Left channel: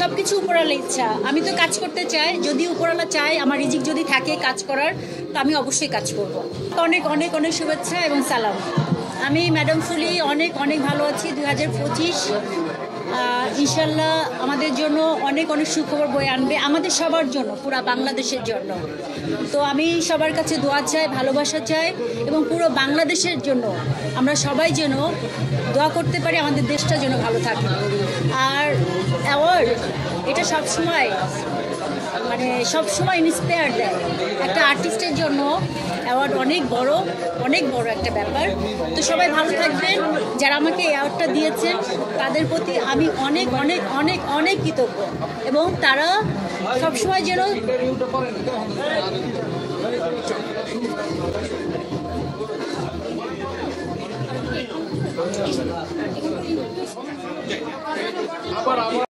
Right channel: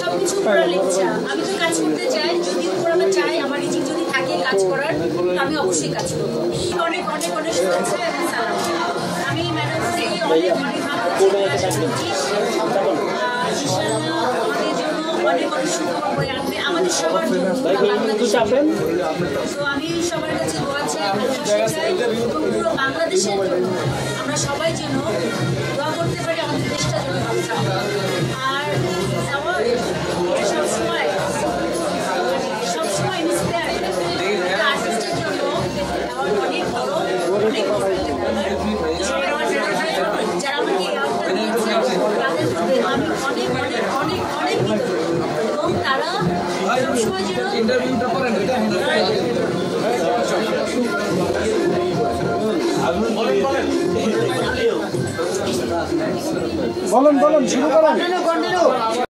সবকিছু উপরালার ইচ্ছা। আমি তো কাজ করতে চাই, যদি উপরালা চাই আমার রিজিক যদি থাকে কাজ করার, আমি অবশ্যই কাজ করবো। অনেক অনেক অনেক শুভেচ্ছা এবং সালাম। আমি ম্যাডাম ফুলি অনেক অনেক ভালো আছি। 2025 ইনশাল্লাহ আমাদের জন্য অনেক অনেক সুখবর বয়ে আনবে, আমাদের সবার জন্য, পুরো বাংলাদেশের জন্য। তো আমি সবার কাছে দোয়া চাই, ভালোবাসা চাই এবং পুরো বাংলাদেশের জন্য আমরা সবাই যেন দোয়া করতে পারি, আমাদের দেশটা যেন ভালো থাকে। আর অ্যাওয়ার্ড এটা সবসময় সবসময় ইন্সপায়ার দেয়। একটা আর্টিস্টের জন্য অ্যাওয়ার্ড অনেক বড় একটা ব্যাপার। তো সবাই ভালো থাকবেন। যারা আমাকে অ্যাওয়ার্ডটা দিয়েছেন তাদের প্রতি আমি অনেক অনেক অনেক অনেক কৃতজ্ঞ এবং তারা সবসময় যেন বলেন শুরু করেন।